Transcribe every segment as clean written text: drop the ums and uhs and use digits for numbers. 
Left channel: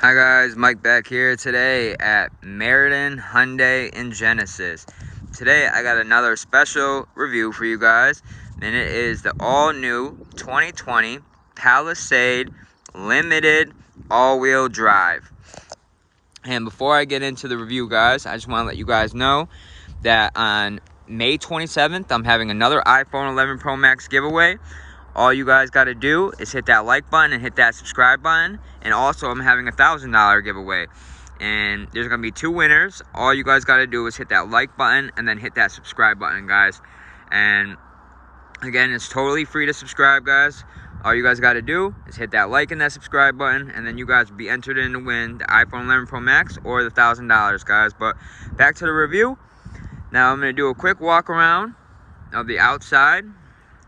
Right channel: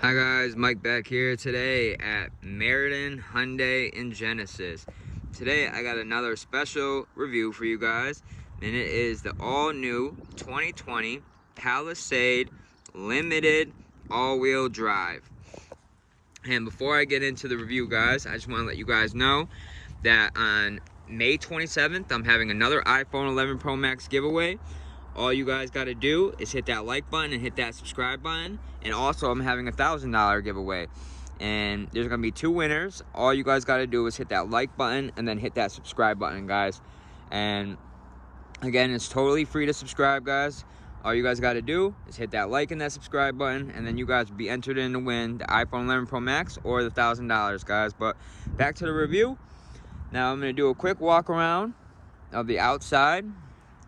Hi guys, Mike back here today at Meriden Hyundai in Genesis. Today I got another special review for you guys, and it is the all-new 2020 Palisade Limited all-wheel drive. And before I get into the review, guys, I just want to let you guys know that on May 27th, I'm having another iPhone 11 Pro Max giveaway. All you guys got to do is hit that like button and hit that subscribe button. And also, I'm having a $1,000 giveaway. And there's going to be 2 winners. All you guys got to do is hit that like button and then hit that subscribe button, guys. And again, it's totally free to subscribe, guys. All you guys got to do is hit that like and that subscribe button, and then you guys will be entered in to win the iPhone 11 Pro Max or the $1,000, guys. But back to the review. Now I'm going to do a quick walk around of the outside,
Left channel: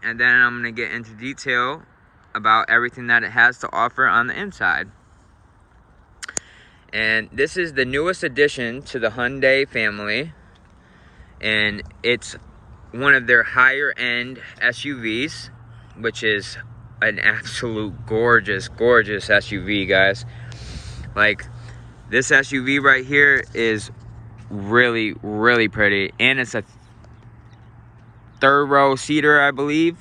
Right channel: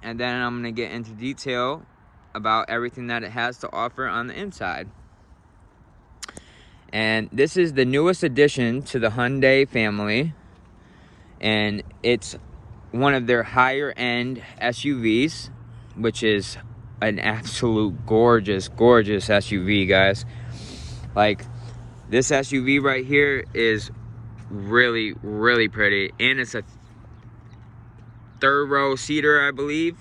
and then I'm going to get into detail about everything that it has to offer on the inside. And this is the newest addition to the Hyundai family, and it's one of their higher end SUVs, which is an absolute gorgeous SUV, guys. Like, this SUV right here is really pretty, and it's a 3rd row seater, I believe,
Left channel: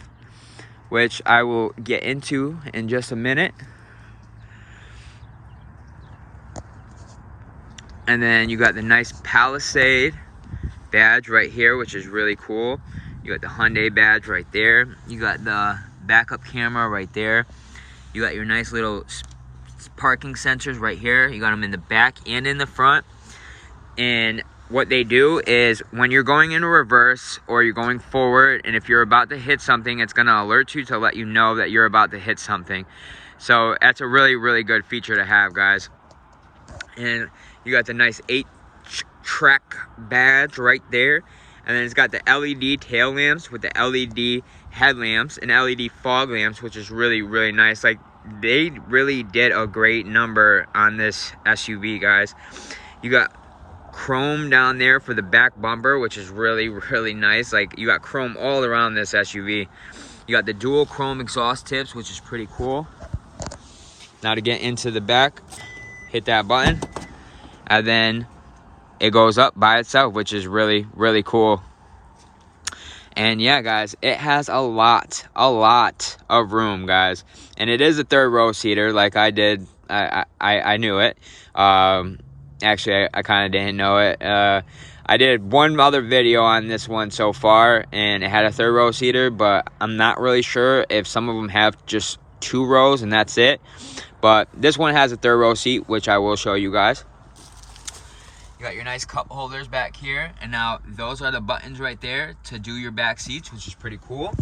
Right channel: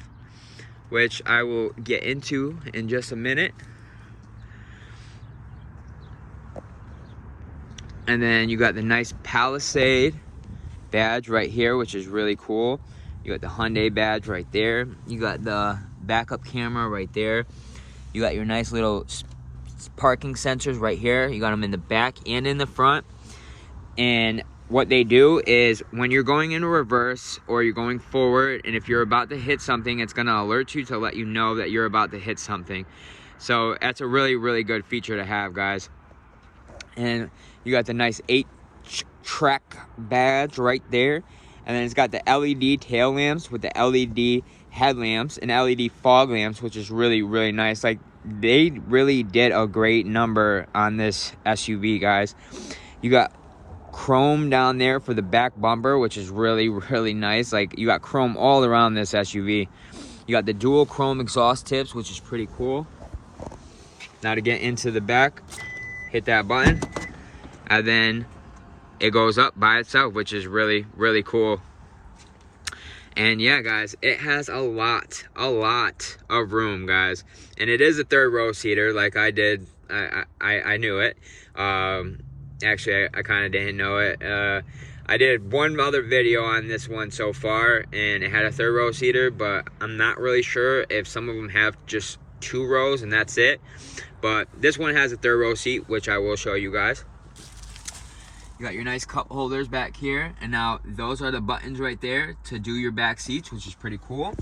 which I will get into in just a minute. And then you got the nice Palisade badge right here, which is really cool. You got the Hyundai badge right there. You got the backup camera right there. You got your nice little parking sensors right here. You got them in the back and in the front. And what they do is when you're going in reverse or you're going forward, and if you're about to hit something, it's going to alert you to let you know that you're about to hit something. So that's a really good feature to have, guys. And you got the nice 8-track badge right there. And then it's got the LED tail lamps with the LED headlamps and LED fog lamps, which is really nice. Like, they really did a great number on this SUV, guys. You got chrome down there for the back bumper, which is really nice. Like, you got chrome all around this SUV. You got the dual chrome exhaust tips, which is pretty cool. Now to get into the back, hit that button, and then it goes up by itself, which is really cool. And yeah, guys, it has a lot of room, guys. And it is a 3rd row seater, like I did. I knew it. Actually, I kind of didn't know it. I did one other video on this one so far, and it had a 3rd row seater, but I'm not really sure if some of them have just 2 rows and that's it. But this one has a 3rd row seat, which I will show you guys. You got your nice cup holders back here, and now those are the buttons right there to do your back seats, which is pretty cool.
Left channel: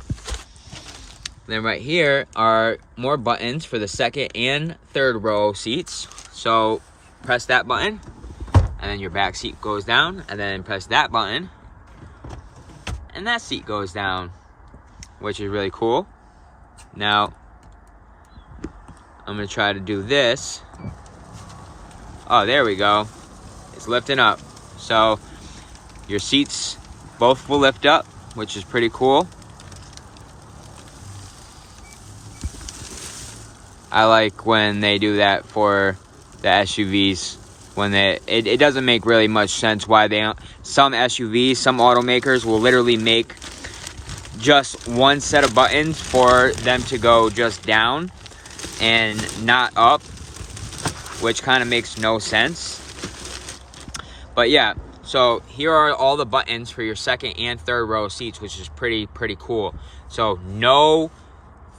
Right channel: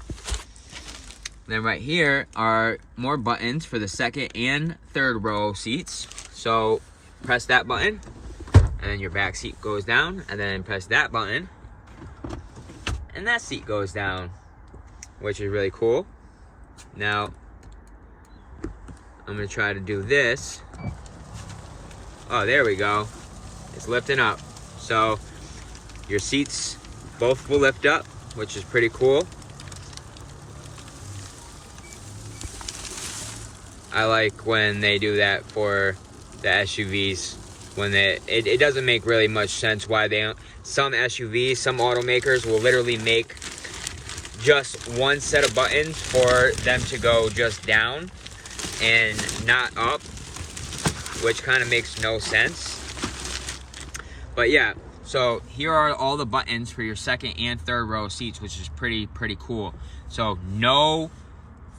Then right here are more buttons for the 2nd and 3rd row seats. So press that button, and then your back seat goes down, and then press that button, and that seat goes down, which is really cool. Now, I'm gonna try to do this. Oh, there we go. It's lifting up. So your seats both will lift up, which is pretty cool. I like when they do that for the SUVs. When it doesn't make really much sense why they don't. Some SUVs, some automakers will literally make just one set of buttons for them to go just down and not up, which kind of makes no sense. But yeah, so here are all the buttons for your 2nd and 3rd row seats, which is pretty cool. So no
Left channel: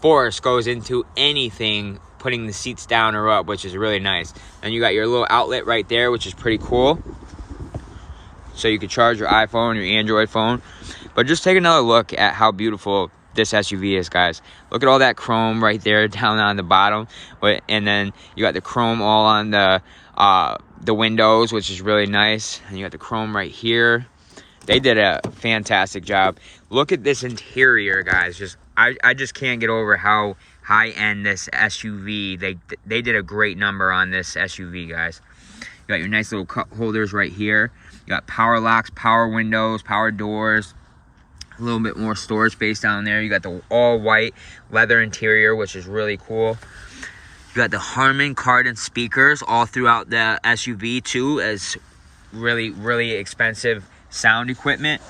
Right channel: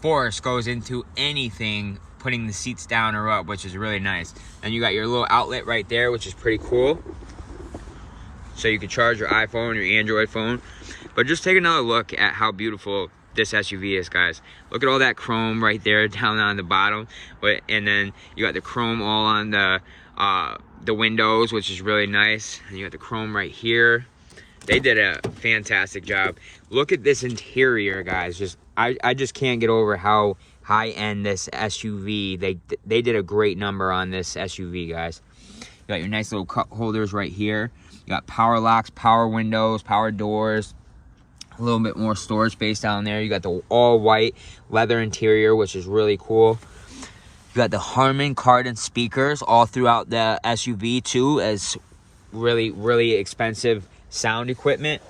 force goes into anything putting the seats down or up, which is really nice. And you got your little outlet right there, which is pretty cool. So you can charge your iPhone, your Android phone. But just take another look at how beautiful this SUV is, guys. Look at all that chrome right there down on the bottom. And then you got the chrome all on the windows, which is really nice. And you got the chrome right here. They did a fantastic job. Look at this interior, guys. I just can't get over how high-end this SUV. They did a great number on this SUV, guys. You got your nice little cup holders right here. You got power locks, power windows, power doors. A little bit more storage space down there. You got the all-white leather interior, which is really cool. You got the Harman Kardon speakers all throughout the SUV too, as really, really expensive sound equipment.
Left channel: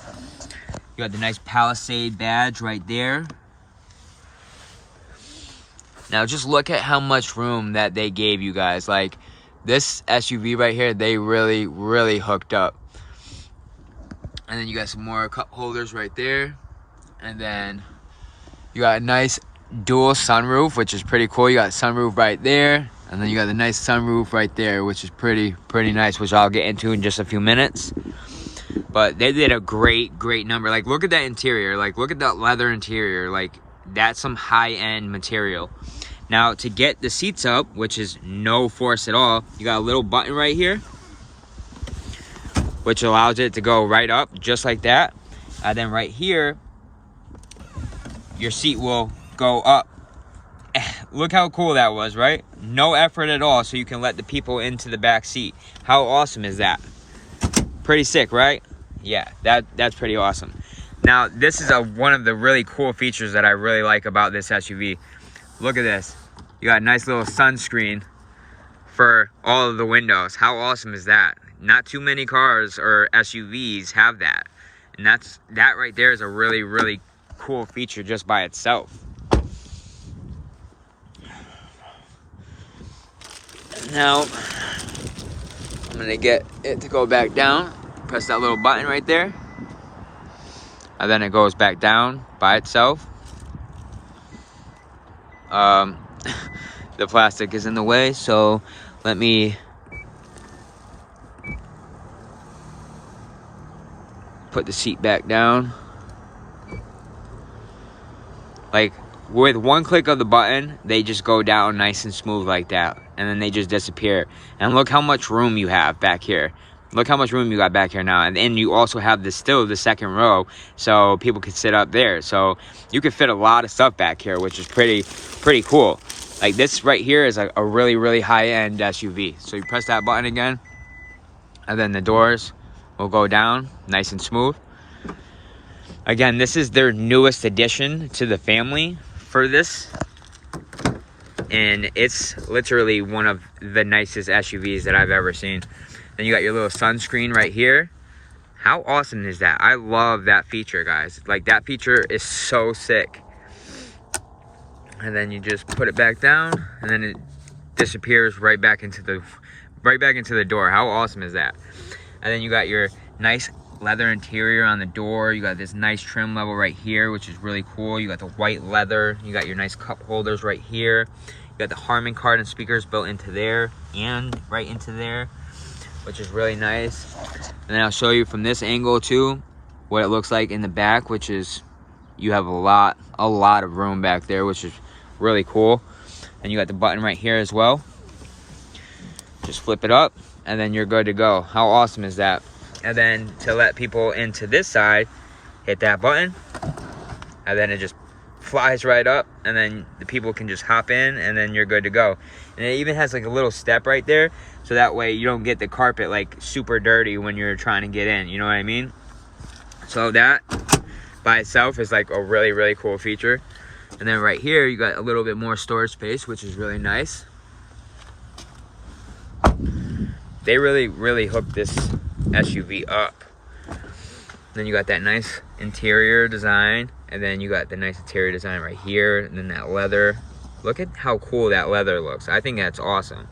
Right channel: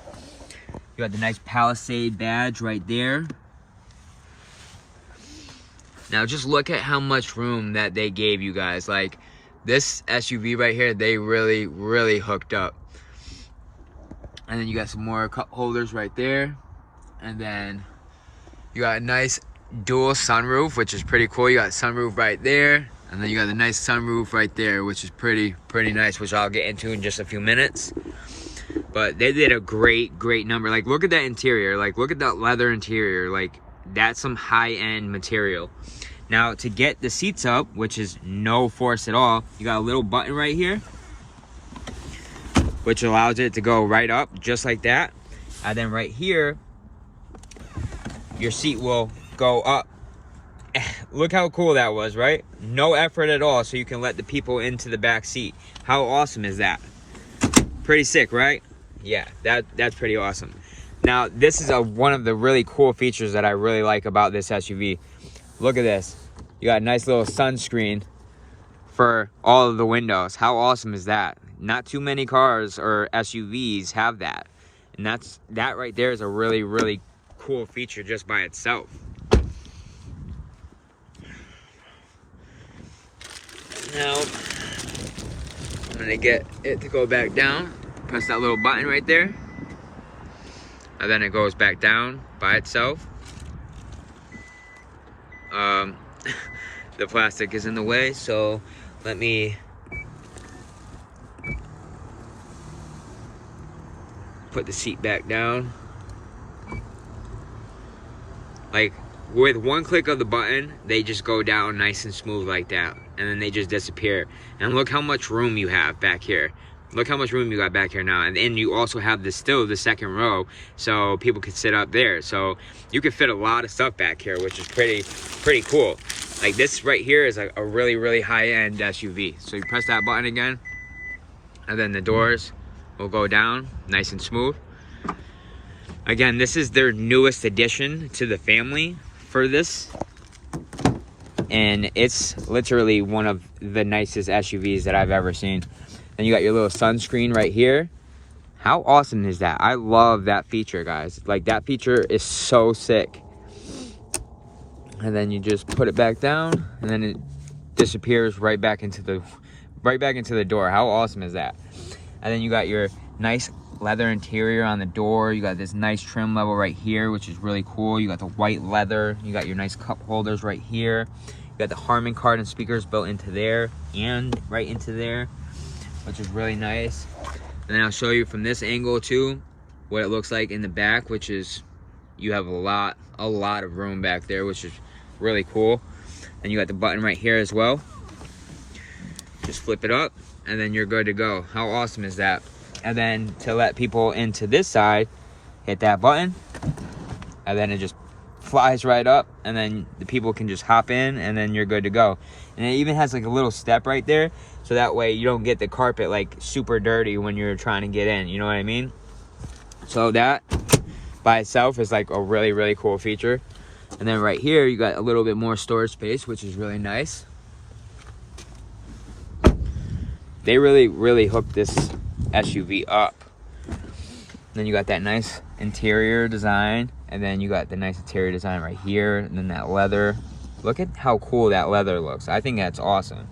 You got the nice Palisade badge right there. Now just look at how much room that they gave you guys. Like this SUV right here, they really, really hooked up. And then you got some more cup holders right there. And then you got a nice dual sunroof, which is pretty cool. You got sunroof right there. And then you got the nice sunroof right there, which is pretty nice, which I'll get into in just a few minutes. But they did a great number. Like, look at that interior. Like, look at that leather interior. Like, that's some high-end material. Now, to get the seats up, which is no force at all, you got a little button right here, which allows it to go right up, just like that. And then right here, your seat will go up. Look how cool that was, right? No effort at all, so you can let the people into the back seat. How awesome is that? Pretty sick, right? Yeah, that's pretty awesome. Now, this is one of the really cool features that I really like about this SUV. Look at this. You got a nice little sunscreen for all of the windows. How awesome is that? Not too many cars or SUVs have that. And that right there is a really cool feature just by itself. Now, I'm gonna get it to go back down. Press that little button right there. And then it goes back down by itself. The plastic is in the way, so let me put the seat back down. Like, with one click of the button, they just go down nice and smooth like that, and then they just disappear. And look how much room you have back here. Look how much room you got back here now. And then you also have still the second row, so people can sit up there. So you can fit a lot of stuff back here, which is pretty cool. Like, this right here is a really high-end SUV. So you press that button again, and then the doors will go down nice and smooth. Again, this is their newest addition to the family for this. And it's literally one of the nicest SUVs that I've ever seen. Then you got your little sunscreen right here. How awesome is that? I love that feature, guys. Like, that feature is so sick. And then you just put it back down, and then it disappears right back into the door. How awesome is that? And then you got your nice leather interior on the door. You got this nice trim level right here, which is really cool. You got the white leather. You got your nice cup holders right here. You got the Harman Kardon speakers built into there and right into there, which is really nice. And then I'll show you from this angle too what it looks like in the back, which is you have a lot of room back there, which is really cool. And you got the button right here as well. Just flip it up and then you're good to go. How awesome is that? And then to let people into this side, hit that button, and then it just flies right up, and then the people can just hop in, and then you're good to go. And it even has like a little step right there, so that way you don't get the carpet like super dirty when you're trying to get in, you know what I mean? So that by itself is like a really cool feature. And then right here you got a little bit more storage space, which is really nice. They really hooked this SUV up. Then you got that nice interior design, and then you got the nice interior design right here, and then that leather. Look at how cool that leather looks. I think that's awesome.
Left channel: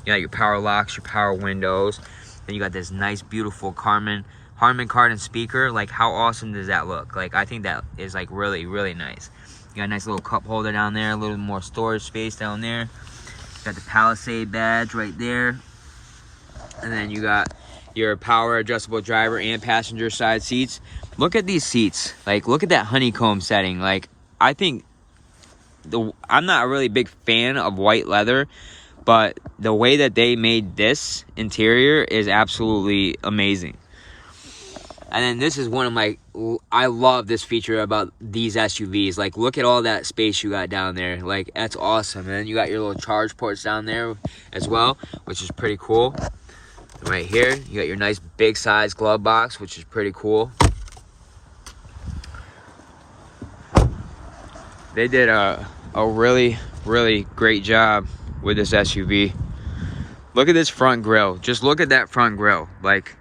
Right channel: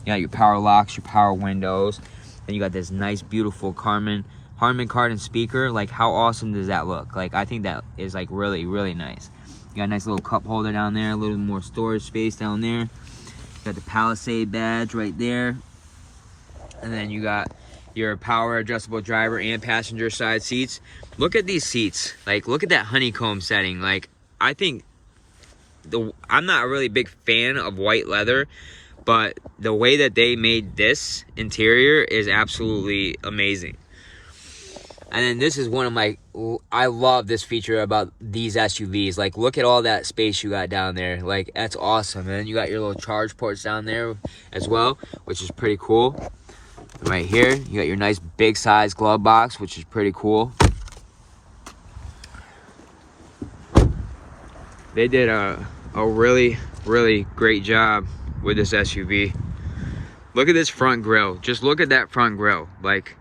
You got your power locks, your power windows, then you got this nice beautiful Harman Kardon speaker. Like, how awesome does that look? Like, I think that is like really nice. You got a nice little cup holder down there, a little more storage space down there. You got the Palisade badge right there. And then you got your power adjustable driver and passenger side seats. Look at these seats. Like, look at that honeycomb setting. Like, I think I'm not a really big fan of white leather, but the way that they made this interior is absolutely amazing. And then this is one of my, I love this feature about these SUVs. Like, look at all that space you got down there. Like, that's awesome. And then you got your little charge ports down there as well, which is pretty cool. Right here, you got your nice big size glove box, which is pretty cool. They did a really great job with this SUV. Look at this front grille. Just look at that front grille. Like,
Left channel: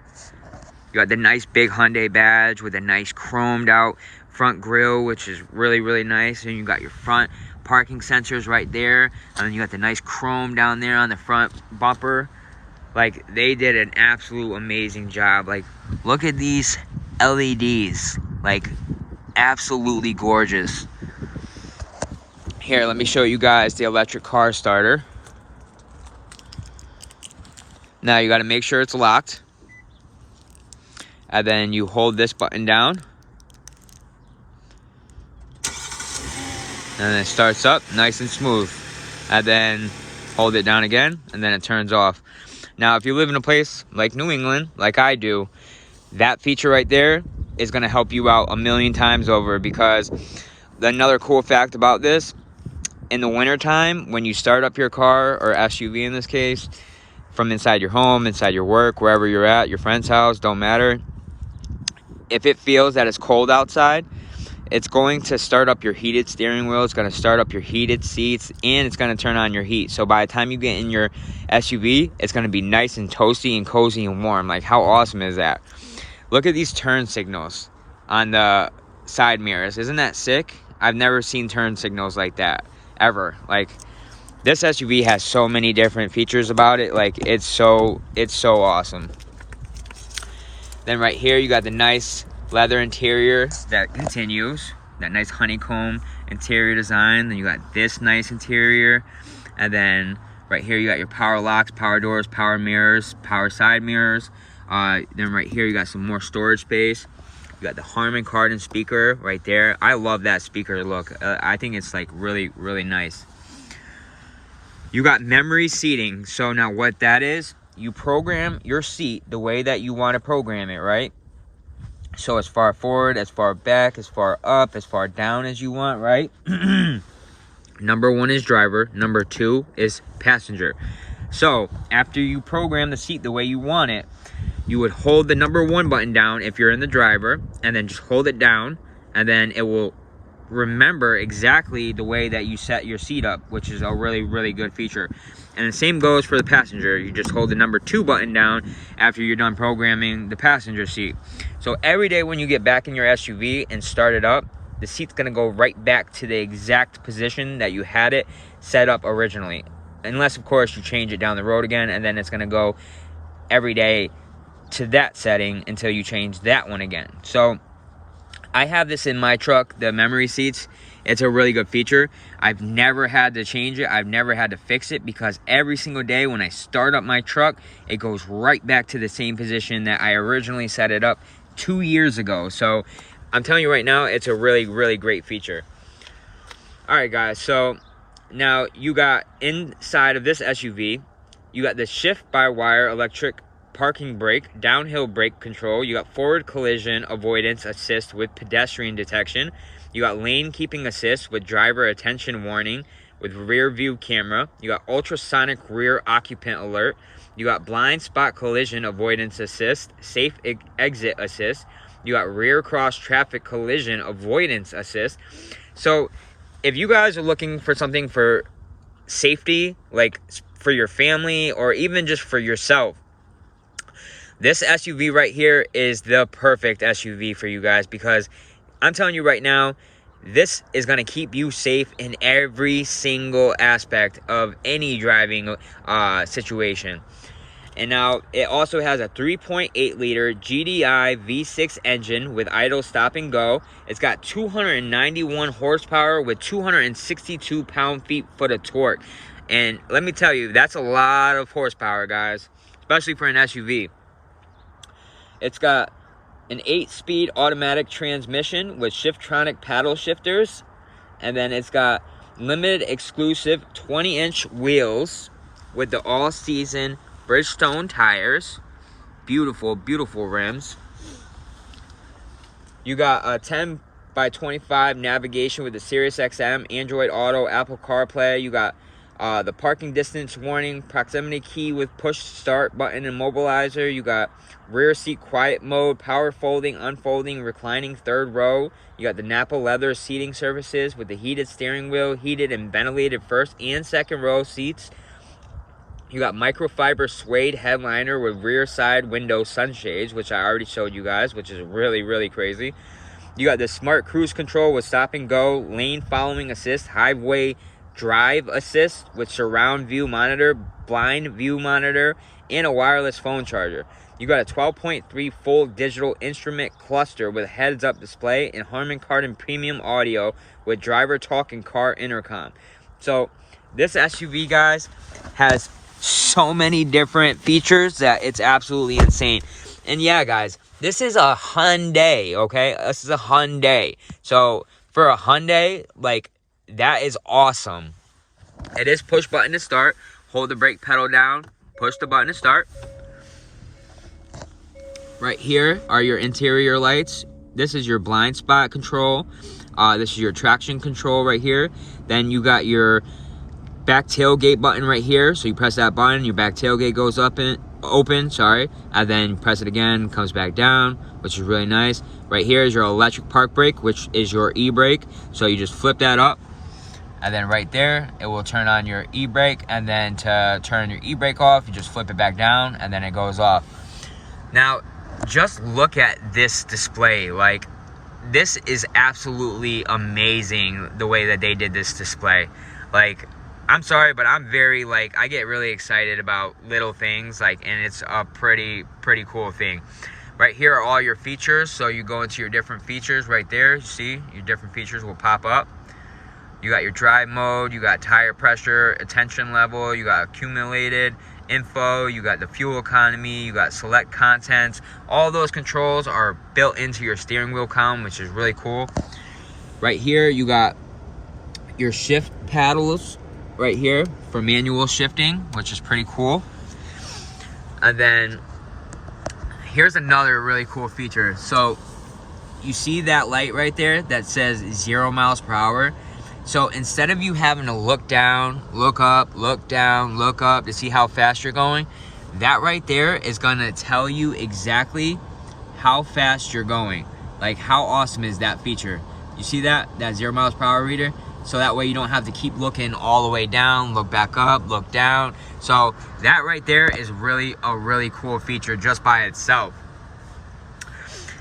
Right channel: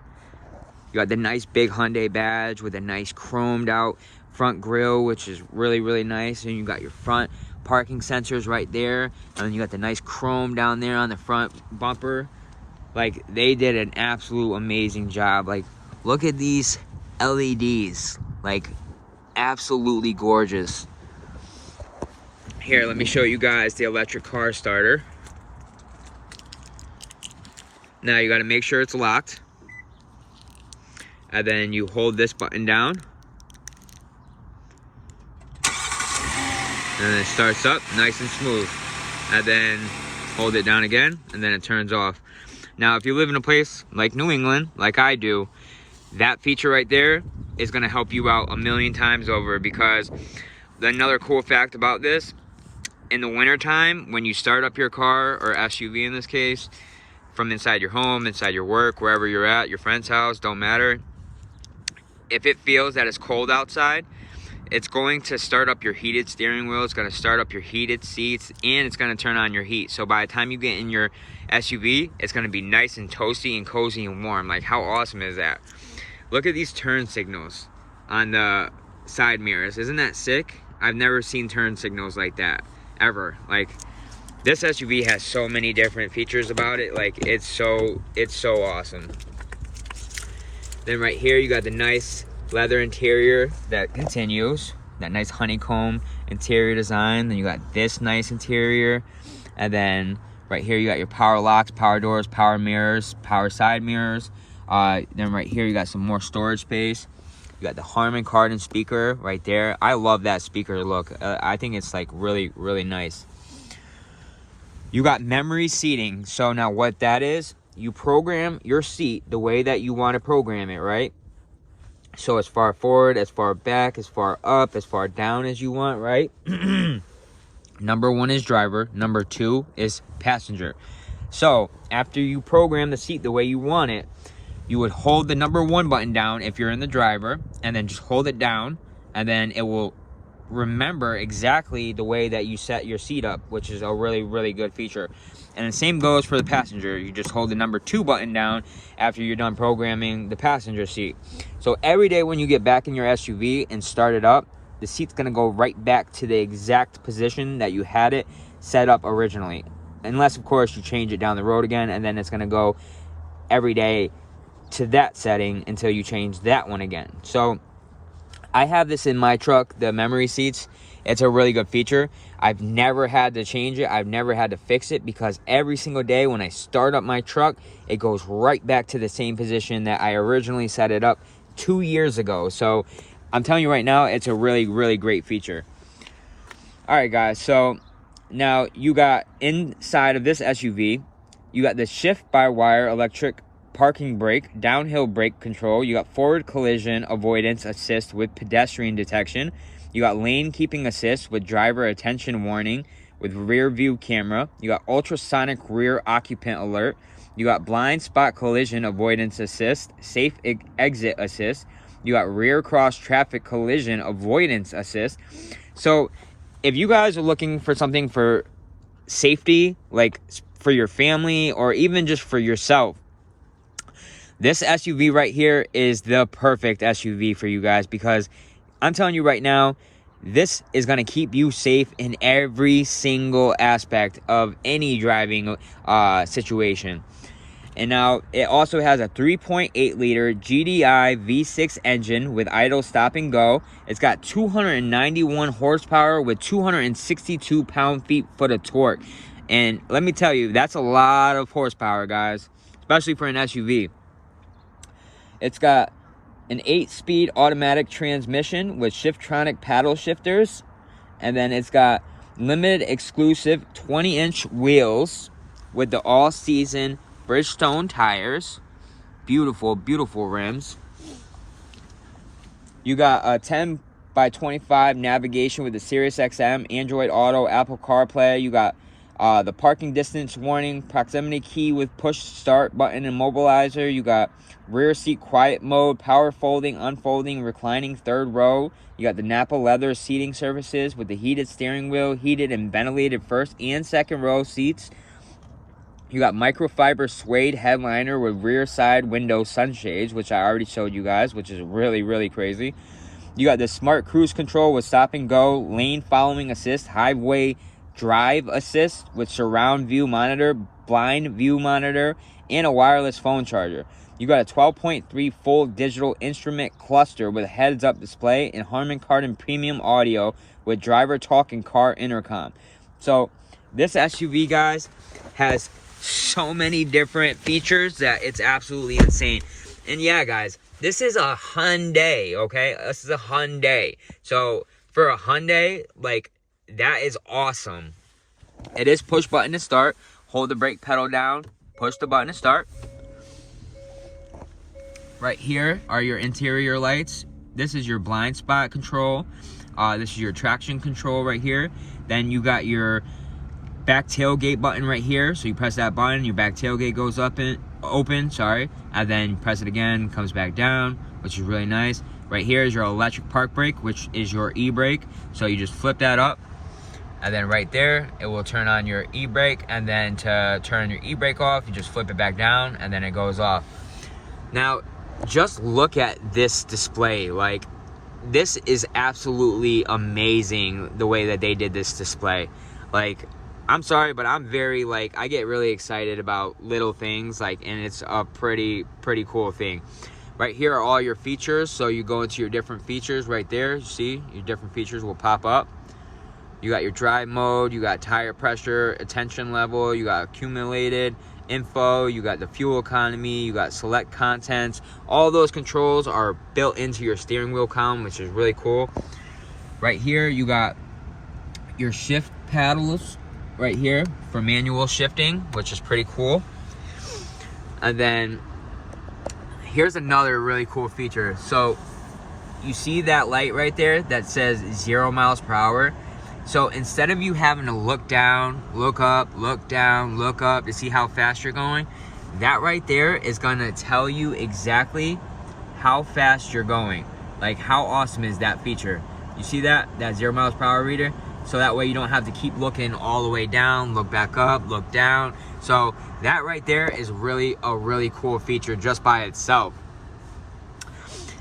you got the nice big Hyundai badge with a nice chromed out front grille, which is really, really nice. And you got your front parking sensors right there. And then you got the nice chrome down there on the front bumper. Like, they did an absolute amazing job. Like, look at these LEDs. Like, absolutely gorgeous. Here, let me show you guys the electric car starter. Now you got to make sure it's locked. And then you hold this button down. And then it starts up nice and smooth. And then hold it down again, and then it turns off. Now, if you live in a place like New England, like I do, that feature right there is going to help you out a million times over, because another cool fact about this, in the wintertime, when you start up your car, or SUV in this case, from inside your home, inside your work, wherever you're at, your friend's house, don't matter. If it feels that it's cold outside, it's going to start up your heated steering wheel, it's going to start up your heated seats, and it's going to turn on your heat. So by the time you get in your SUV, it's going to be nice and toasty and cozy and warm. Like, how awesome is that? Look at these turn signals on the side mirrors. Isn't that sick? I've never seen turn signals like that, ever. Like, this SUV has so many different features about it. Like, it's so awesome. Then right here, you got the nice leather interior that continues. That nice honeycomb interior design. Then you got this nice interior. And then right here, you got your power locks, power doors, power mirrors, power side mirrors. Then right here, you got some more storage space. You got the Harman Kardon speaker right there. I love that speaker look. I think it's like really, really nice. You got memory seating. So now what that is, you program your seat the way that you want to program it, right? So as far forward, as far back, as far up, as far down as you want, right? Number 1 is driver. Number 2 is passenger. So after you program the seat the way you want it, you would hold the number 1 button down if you're in the driver, and then just hold it down, and then it will remember exactly the way that you set your seat up, which is a really, really good feature. And the same goes for the passenger. You just hold the number 2 button down after you're done programming the passenger seat. So every day when you get back in your SUV and start it up, the seat's going to go right back to the exact position that you had it set up originally. Unless, of course, you change it down the road again, and then it's going to go every day to that setting until you change that one again. So I have this in my truck, the memory seats. It's a really good feature. I've never had to change it. I've never had to fix it, because every single day when I start up my truck, it goes right back to the same position that I originally set it up 2 years ago. So I'm telling you right now, it's a really, really great feature. All right, guys. So now you got inside of this SUV, you got the shift-by-wire electric parking brake, downhill brake control. You got forward collision avoidance assist with pedestrian detection. You got lane keeping assist with driver attention warning with rear view camera. You got ultrasonic rear occupant alert. You got blind spot collision avoidance assist, safe exit assist. You got rear cross traffic collision avoidance assist. So if you guys are looking for something for safety, like for your family or even just for yourself, this SUV right here is the perfect SUV for you guys, because I'm telling you right now, this is going to keep you safe in every single aspect of any driving situation. And now it also has a 3.8 liter GDI V6 engine with idle stop and go. It's got 291 horsepower with 262 pound-feet of torque. And let me tell you, that's a lot of horsepower, guys, especially for an SUV. It's got an 8-speed automatic transmission with Shiftronic paddle shifters. And then it's got limited exclusive 20-inch wheels with the all-season Bridgestone tires. Beautiful, beautiful rims. You got a 10x25 navigation with the Sirius XM, Android Auto, Apple CarPlay. You got the parking distance warning, proximity key with push start button and mobilizer. You got rear seat quiet mode, power folding, unfolding, reclining third row. You got the Napa leather seating surfaces with the heated steering wheel, heated and ventilated first and second row seats. You got microfiber suede headliner with rear side window sunshades, which I already showed you guys, which is really, really crazy. You got the smart cruise control with stop and go, lane following assist, highway drive assist with surround view monitor, blind view monitor, and a wireless phone charger. You got a 12.3 full digital instrument cluster with heads-up display and Harman Kardon premium audio with driver talk and car intercom. So this SUV, guys, has so many different features that it's absolutely insane. And yeah, guys, this is a Hyundai, okay? This is a Hyundai. So for a Hyundai, like, that is awesome. It is push button to start. Hold the brake pedal down, push the button to start. Right here are your interior lights. This is your blind spot control. This is your traction control right here. Then you got your back tailgate button right here. So you press that button, your back tailgate goes up and open, sorry. And then you press it again, comes back down, which is really nice. Right here is your electric park brake, which is your e-brake. So you just flip that up. And then right there, it will turn on your e-brake. And then to turn your e-brake off, you just flip it back down and then it goes off. Now, just look at this display. Like, this is absolutely amazing the way that they did this display. Like, I'm sorry, but I'm very, like, I get really excited about little things, like, and it's a pretty cool thing. Right here are all your features. So you go into your different features right there. You see, your different features will pop up. You got your drive mode, you got tire pressure, attention level, you got accumulated info, you got the fuel economy, you got select contents. All those controls are built into your steering wheel column, which is really cool. Right here, you got your shift paddles right here for manual shifting, which is pretty cool. And then here's another really cool feature. So you see that light right there that says 0 miles per hour? So instead of you having to look down, look up, look down, look up to see how fast you're going, that right there is gonna tell you exactly how fast you're going. Like, how awesome is that feature? You see that 0 miles per hour reader? So that way you don't have to keep looking all the way down, look back up, look down. So that right there is really a really cool feature just by itself.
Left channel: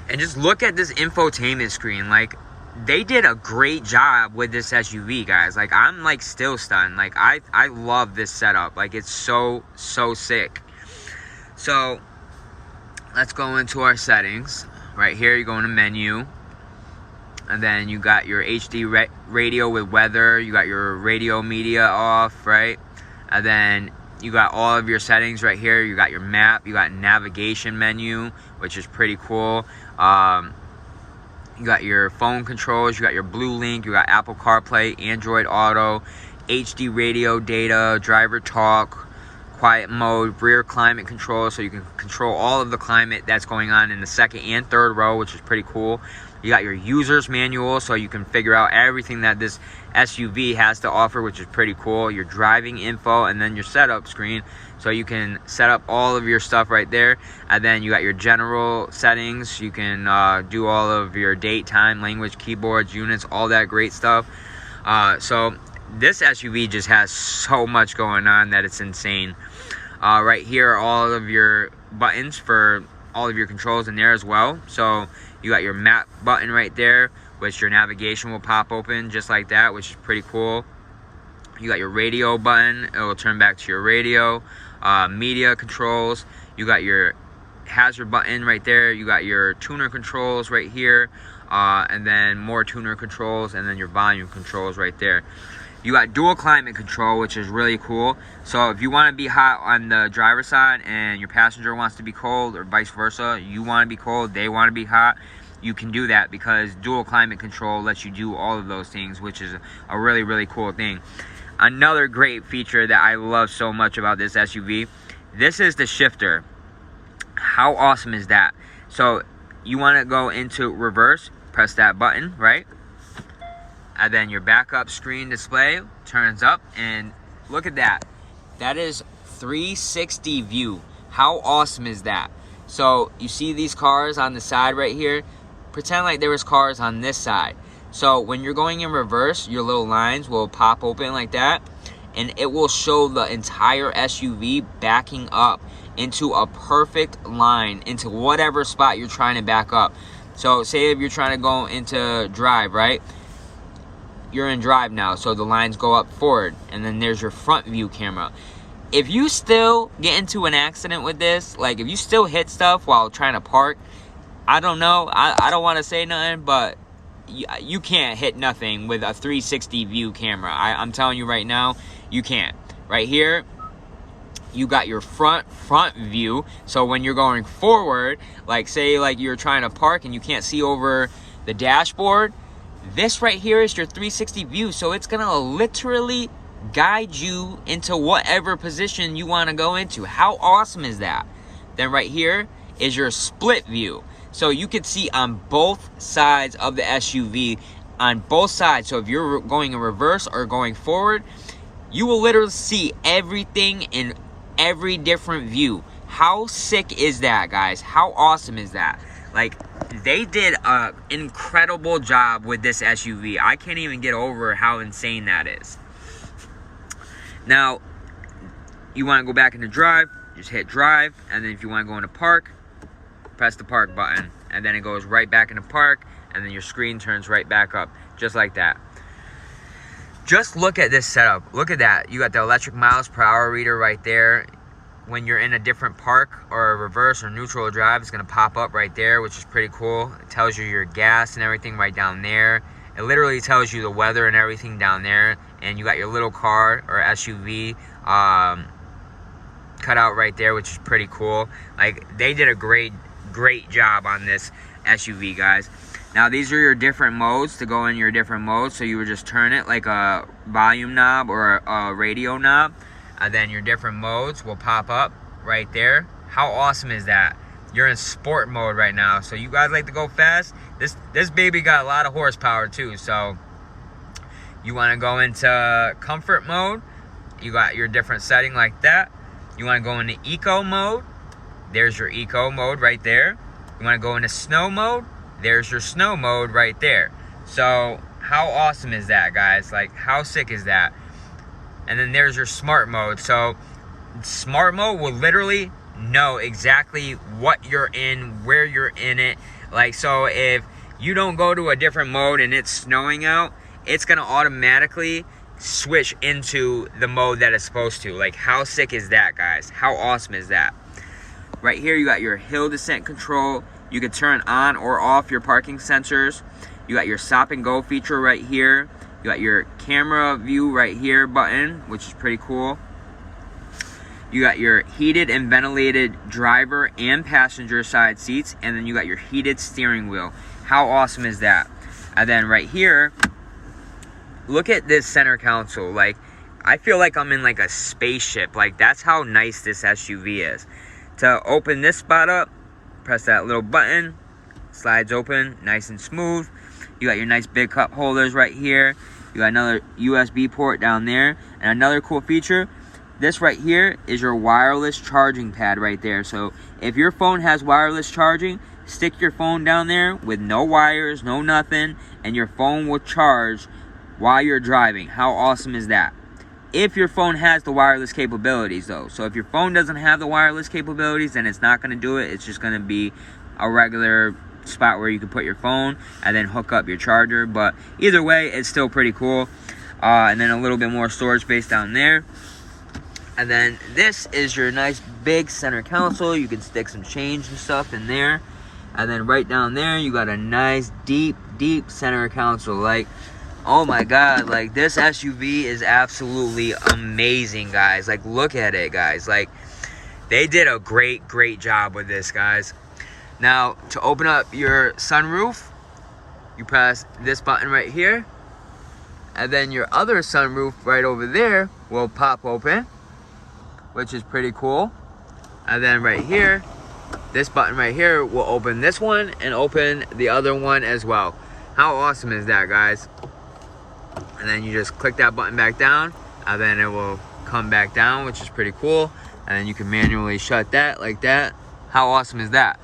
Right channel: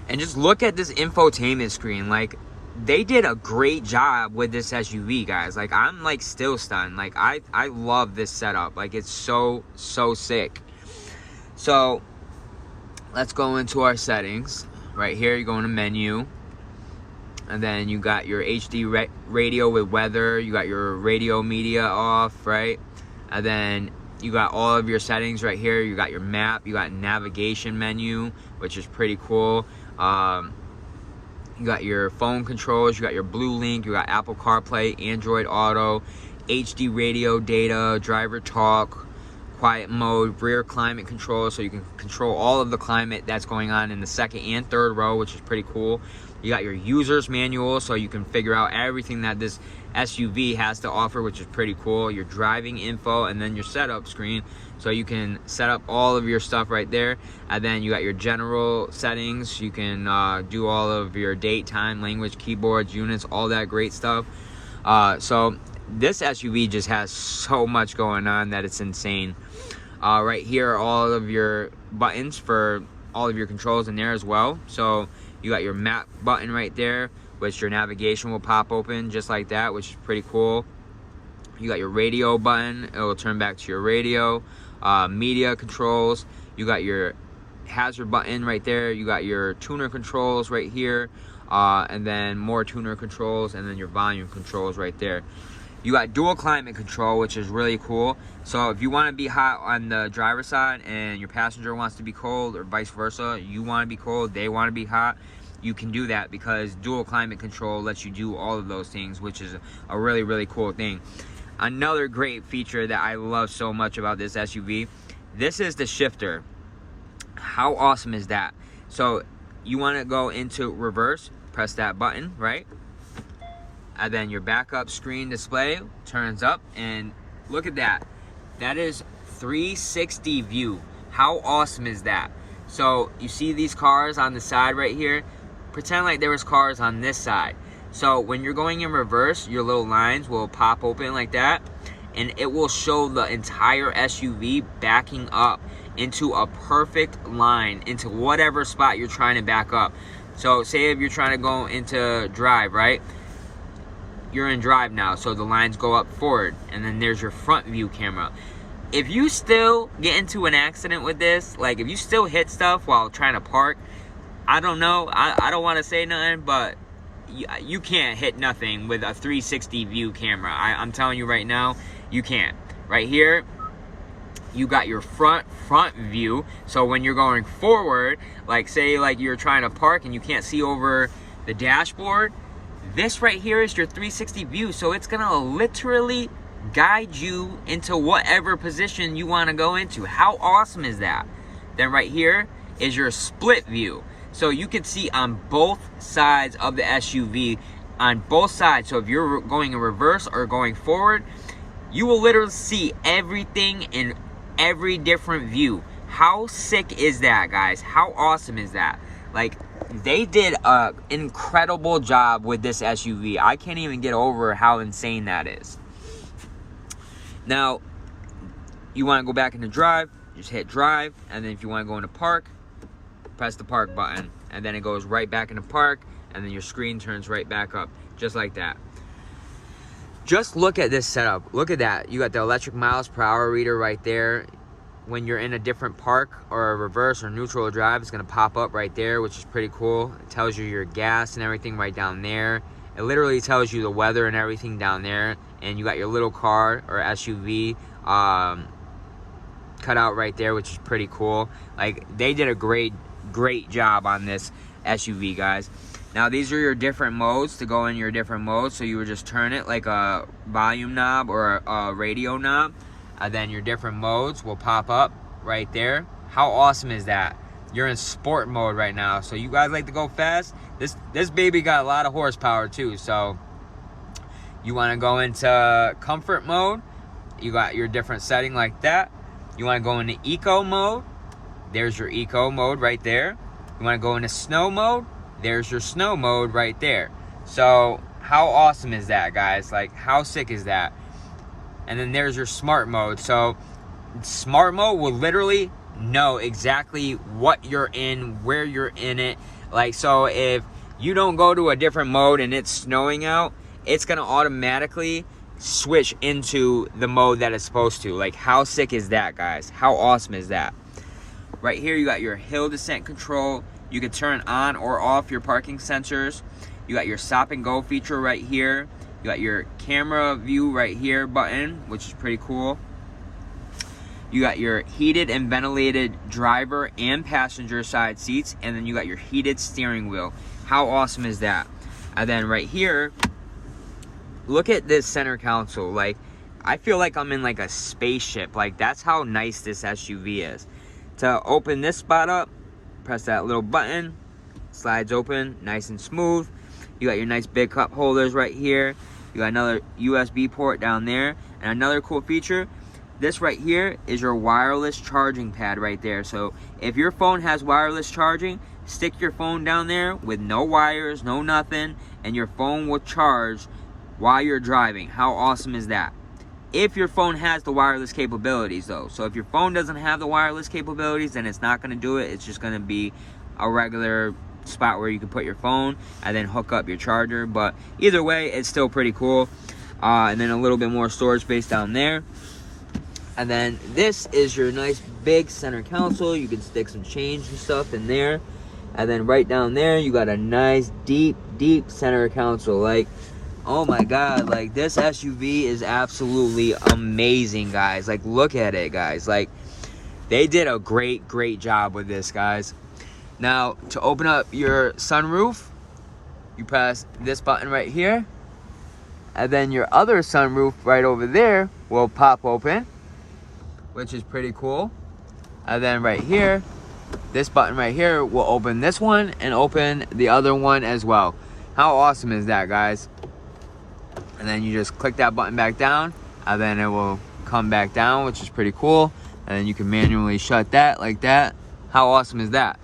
And just look at this infotainment screen. Like, they did a great job with this SUV, guys. Like, I'm like still stunned. Like, I love this setup. Like, it's so sick. So let's go into our settings. Right here, you go into menu, and then you got your HD radio with weather. You got your radio media off, right? And then you got all of your settings right here. You got your map, you got navigation menu, which is pretty cool. You got your phone controls, you got your Blue Link, you got Apple CarPlay, Android Auto, HD radio data, driver talk, quiet mode, rear climate control, so you can control all of the climate that's going on in the second and third row, which is pretty cool. You got your user's manual, so you can figure out everything that this SUV has to offer, which is pretty cool. Your driving info, and then your setup screen, so you can set up all of your stuff right there. And then you got your general settings. You can do all of your date, time, language, keyboards, units, all that great stuff. So this SUV just has so much going on that it's insane. Right here are all of your buttons for all of your controls in there as well. So you got your map button right there, which your navigation will pop open just like that, which is pretty cool. You got your radio button, it will turn back to your radio. Media controls, you got your hazard button right there, you got your tuner controls right here, and then more tuner controls, and then your volume controls right there. You got dual climate control, which is really cool. So if you want to be hot on the driver's side and your passenger wants to be cold, or vice versa, you want to be cold, they want to be hot, you can do that because dual climate control lets you do all of those things, which is a really cool thing. Another great feature that I love so much about this SUV, this is the shifter. How awesome is that? So you want to go into reverse, press that button, right? And then your backup screen display turns up, and look at that. That is 360 view. How awesome is that? So you see these cars on the side right here? Pretend like there was cars on this side. So when you're going in reverse, your little lines will pop open like that. and it will show the entire SUV backing up into a perfect line into whatever spot you're trying to back up. So say if you're trying to go into drive, right? You're in drive now, so the lines go up forward, and then there's your front view camera. If you still get into an accident with this, like if you still hit stuff while trying to park, I don't know, I don't want to say nothing, but you can't hit nothing with a 360 view camera. I'm telling you right now, you can't. Right here, you got your front view. So when you're going forward, like say like you're trying to park and you can't see over the dashboard, this right here is your 360 view. So it's gonna literally guide you into whatever position you want to go into. How awesome is that? Then right here is your split view. So you can see on both sides of the SUV, on both sides. So if you're going in reverse or going forward, you will literally see everything in every different view. How sick is that, guys? How awesome is that? Like, they did an incredible job with this SUV. I can't even get over how insane that is. Now, you want to go back into drive, just hit drive, and then if you want to go into park, press the park button, and then it goes right back into park, and then your screen turns right back up, just like that. Just look at this setup. Look at that. You got the electric miles per hour reader right there. When you're in a different park or a reverse or neutral drive, it's going to pop up right there, which is pretty cool. It tells you your gas and everything right down there. It literally tells you the weather and everything down there. And you got your little car or SUV cut out right there, which is pretty cool. Like, they did a great job on this SUV, guys. Now, these are your different modes to go in your different modes. So you would just turn it like a volume knob or a radio knob. And then your different modes will pop up right there. How awesome is that? You're in sport mode right now. So you guys like to go fast? This baby got a lot of horsepower too. So you want to go into comfort mode. You got your different setting like that. You want to go into eco mode. There's your eco mode right there. You want to go into snow mode. There's your snow mode right there. So how awesome is that, guys? Like, how sick is that? And then there's your smart mode. So smart mode will literally know exactly what you're in, where you're in it. Like, so if you don't go to a different mode and it's snowing out, it's gonna automatically switch into the mode that it's supposed to. Like, how sick is that, guys? How awesome is that? Right here, you got your hill descent control. You can turn on or off your parking sensors. You got your stop and go feature right here. You got your camera view right here button, which is pretty cool. You got your heated and ventilated driver and passenger side seats, and then you got your heated steering wheel. How awesome is that? And then right here, look at this center console. Like, I feel like I'm in like a spaceship. Like, that's how nice this SUV is. To open this spot up, press that little button, slides open nice and smooth. You got your nice big cup holders right here. You got another USB port down there. And another cool feature, this right here is your wireless charging pad right there. So if your phone has wireless charging, stick your phone down there with no wires, no nothing, and your phone will charge while you're driving. How awesome is that? If your phone has the wireless capabilities though. So if your phone doesn't have the wireless capabilities, then it's not going to do it. It's just going to be a regular spot where you can put your phone and then hook up your charger. But either way, it's still pretty cool. And then a little bit more storage space down there. And then this is your nice big center console. You can stick some change and stuff in there. And then right down there, you got a nice deep center console. Like, oh my god, like, this SUV is absolutely amazing, guys. Like, look at it, guys. Like, they did a great job with this, guys. Now, to open up your sunroof, you press this button right here, and then your other sunroof right over there will pop open, which is pretty cool. And then right here, this button right here will open this one and open the other one as well. How awesome is that, guys? And then you just click that button back down, and then it will come back down, which is pretty cool. And then you can manually shut that like that. How awesome is that?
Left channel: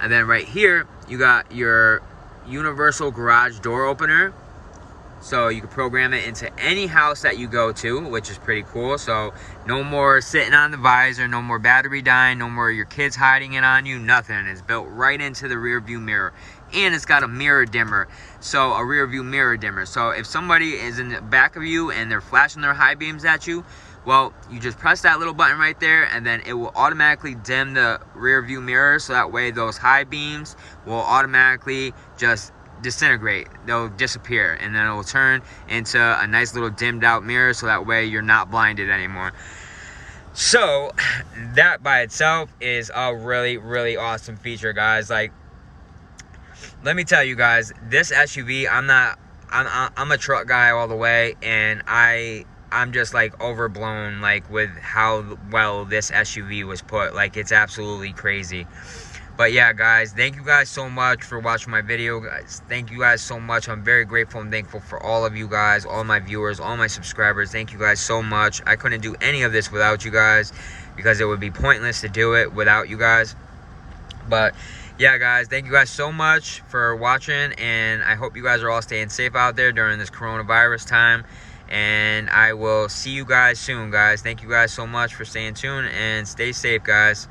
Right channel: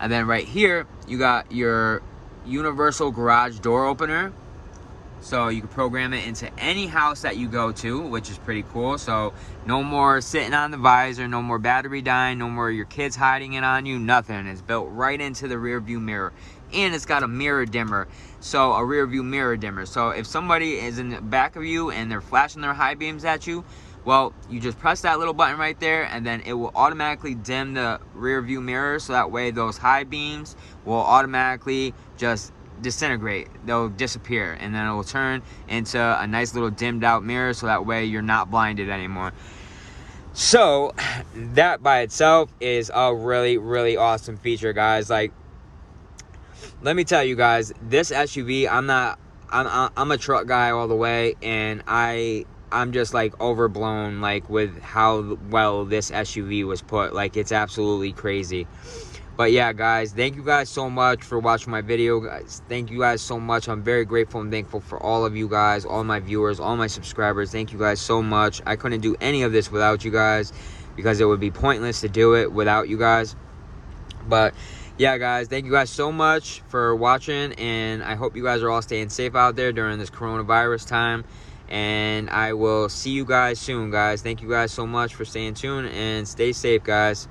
And then right here, you got your universal garage door opener. So you can program it into any house that you go to, which is pretty cool. So no more sitting on the visor, no more battery dying, no more your kids hiding it on you, nothing. It's built right into the rear view mirror. And it's got a mirror dimmer, so a rear view mirror dimmer. So if somebody is in the back of you and they're flashing their high beams at you, well, you just press that little button right there, and then it will automatically dim the rear view mirror, so that way those high beams will automatically just disintegrate. They'll disappear, and then it will turn into a nice little dimmed out mirror, so that way you're not blinded anymore. So that by itself is a really, really awesome feature, guys. Like, let me tell you guys, this SUV, I'm a truck guy all the way, and I'm just like overblown like with how well this SUV was put. Like, it's absolutely crazy. But yeah, guys, thank you guys so much for watching my video, guys. Thank you guys so much. I'm very grateful and thankful for all of you guys, all my viewers, all my subscribers. Thank you guys so much. I couldn't do any of this without you guys, because it would be pointless to do it without you guys. But yeah, guys, thank you guys so much for watching, and I hope you guys are all staying safe out there during this coronavirus time. And I will see you guys soon, guys. Thank you guys so much for staying tuned, and stay safe, guys.